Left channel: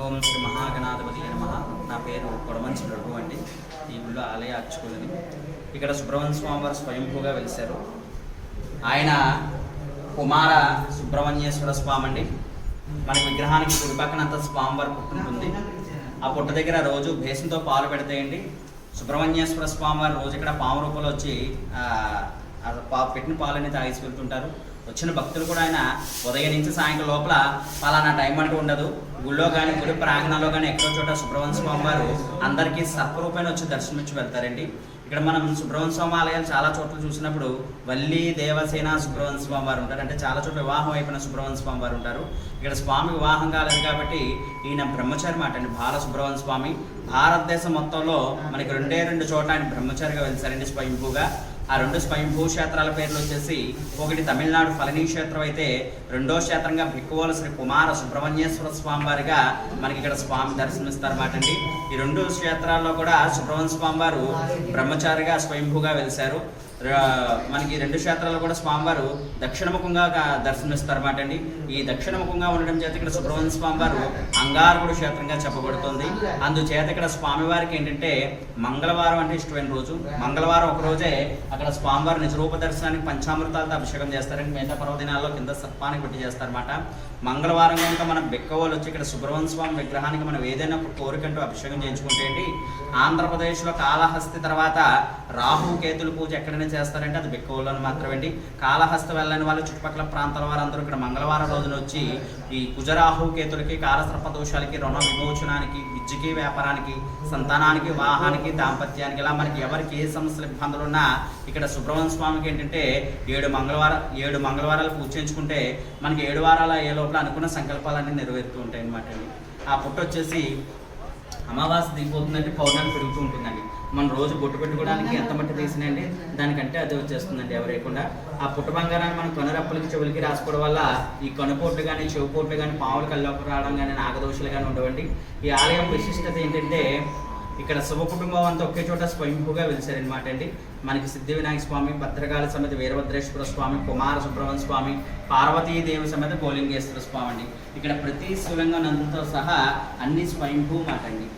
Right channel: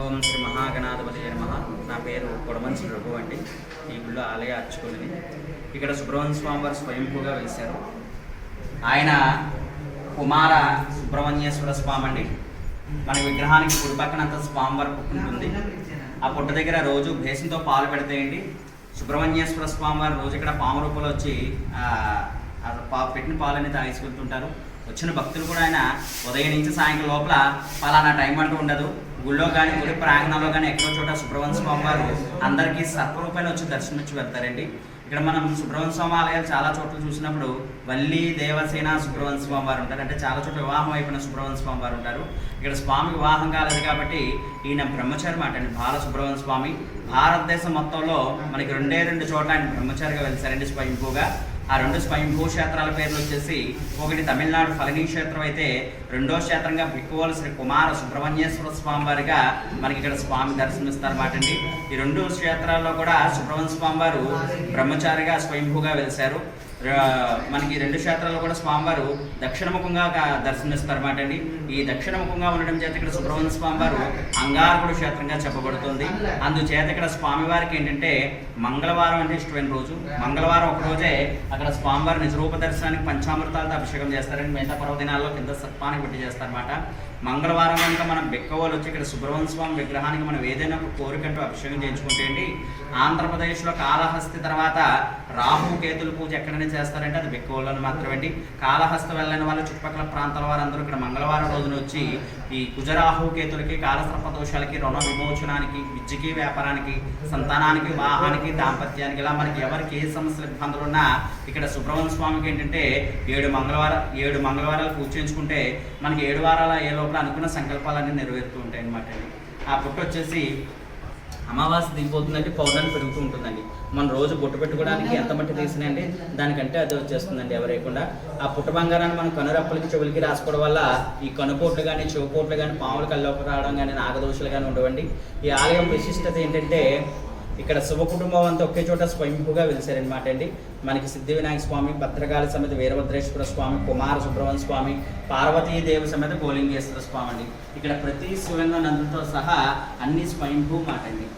ఓం శ్రీ మహాగణాధిపతి నమః. నా పేరు కొడమంచి రఘు అండి. ఈ గుళ్ళో ఆలయ అర్చకుడిని. ఇక్కడ సుబ్రహ్మణ్య స్వామి వారు స్వయంభూగా వెలిశారు. ఆయన కుమార సుబ్రహ్మణ్యేశ్వర స్వామి అండి. మన విగ్రహానికి కుడి పక్కనంతా స్వామివారి పుట్టు ఉంటుంది. ఆ పుట్ట దగ్గర రోజు భేసంతో పాలు పెడతాయండి. సుబ్రహ్మణ్యేశ్వర స్వామి వారు రోజు ఇక్కడ పాము రూపంలో వచ్చి పెట్టిన పాలని తాగేసుకుంటుంటారు. వచ్చిన భక్తులు కూడా ఆయన ఉదయం నుంచి సాయంత్రం లోపల పలానా టైం అంటూ ఉండదు. గుళ్ళో కానీ గుడి ప్రాంగణంలో కానీ ఎక్కడో చోట సుబ్రహ్మణ్య స్వామి వారు అందరికీ సర్వరూపాయలు వచ్చి దర్శనమిచ్చి వెళ్తారండి. ఇక్కడ మనం సుబ్రహ్మణ్య స్వామి ఆలయాలు చాలా చోట్ల చూసినప్పుడు వల్లి దేవసేన సుబ్రహ్మణ్య స్వామి వారు ఉంటారు. అంటే చాలా చోట్ల వివాహం అయిపోయిన సుబ్రహ్మణ్య స్వామి వారు ఉంటారు. ఇక్కడ స్వామి వివాహం కాలేదు కాబట్టి ఈయన బ్రహ్మచారి మాట అండి. బాల సుబ్రహ్మణ్య స్వామి భారతదేశం మొత్తంలో మనకి రెండు చోట్ల ఆయన బ్రహ్మచారిగా వెళ్తారండి స్వయంభూగా. ఆ రెండు స్వయంభూ క్షేత్రాల పేర్లు వచ్చేసి ఒకటి తమిళనాడు ఫలనీ క్షేత్రం అయితే రెండో క్షేత్రంగా బిక్కువోలు శ్రీ కుమార సుబ్రహ్మణ్యేశ్వర స్వామి వారిగా మనకి ఇక్కడ స్వామి దర్శనమిస్తారన్నమాట అండి. ఈ రెండు క్షేత్రాల్లో కూడా సుబ్రహ్మణ్య స్వామి వారు బ్రహ్మచారిగా స్వయంభూగా వెలిశారు. మనకి రెండు క్షేత్రాల్లో కూడా స్వామివారు దక్షిణముఖంగా దర్శనమిస్తారన్నమాట అండి. ఈ దక్షిణముఖంగా ఉండడం చేత ఇక్కడ సుబ్రహ్మణ్య స్వామి వారు అంగారకుడు క్షేత్రంగా చెప్పబడుతుంది. అందుచేత ఇక్కడ స్వామివారికి ఏంటంటే మంగళవారం అంటే ఇష్టమైన రోజు. మంగళవారం ఒక రోజే అక్కడ స్వామివారి నిజరూప దర్శనానికి పంచామృతాలతో అభిషేకం చేస్తారండి. మిగతా పర్వదినాల్లో కింద సర్పాన్ని కొట్టి చేస్తారన్నమాట. మంగళవారం కనుక మనం బెక్కవోలు వచ్చి ఇక్కడ సుబ్రహ్మణ్య స్వామి విగ్రహానికి మనం ఏదైనా కోరికంటూ అభిషేకం చేయించుకుంటే అండి, ఆంధ్రప్రదేశ్లో కాళహస్తి తర్వాత రాహు కేతుల పూజ ఎక్కడైనా చేస్తారంటే అది బెక్కవోలు మాత్రమే. కాళహస్తి వెళ్ళని వాళ్ళు చుట్టుపక్కల ప్రాంతాల వారు అందరూ ఇక్కడ మంగళవారం రోజున వచ్చి ఈ కుజరాహు కేతులకి కాలసర్ప దోషాలకి రుణ విమోచనానికి విద్యకి వ్యాపారానికి సంతానానికి వివాహానికి దాంపత్యానికి ఇలా మనకి ఎవరికి ఏ సమస్యలు ఇబ్బందులు ఉన్నా ఇక్కడ సుబ్రహ్మణ్య స్వామికి ఏంటంటే 7 మంగళవారాలు పూజ చేయించుకుంటే మనకి 7 వారాల ఏ లోపల అనుకున్న సంకల్పాలన్నీ నెరవేరుతూ ఉంటాయి అన్నమాట అండి. ఆ పుట్ట వచ్చేసి అమావాస్య దిగిపోతుందంటే పౌర్ణమి పెరుగుతూ ఉంటుందండి. మన రోజు బొట్టు పెట్టుకోవడానికి ఎంత మట్టి తీసినండి దానికంటే అది వచ్చేస్తుందండి ఎవరేయకుండా. ఆ పుట్ట బంగారాన్ని మనం కనురప్పలకి చెవులకి రాసుకోవడం వల్ల ఈ కనుపోట్లు కానీ చెవుపోట్లు కానీ పాములు కల్లోకి రావడం కానీ నాగదోషులు కానీ ఉండవండి. ఈ ఆలయం విశిష్టత ఏంటంటే ఇక్కడ శుభ కుటుంబం అంతా ఒకే చోట స్వయంభూగా వెలిసారనమాట అండి. మనకి సిద్ధి వినాయక స్వామి, భద్రకాళి సమేత వీరభద్రేశ్వర స్వామి, కుమార సుబ్రహ్మణ్య స్వామి, పార్వతీదేవి సమేత గోలింగేశ్వర స్వామి అండి. ఇక్కడ ప్రతి శివంగా నందుతో సహా అన్ని స్వయంభూ మాట అండి.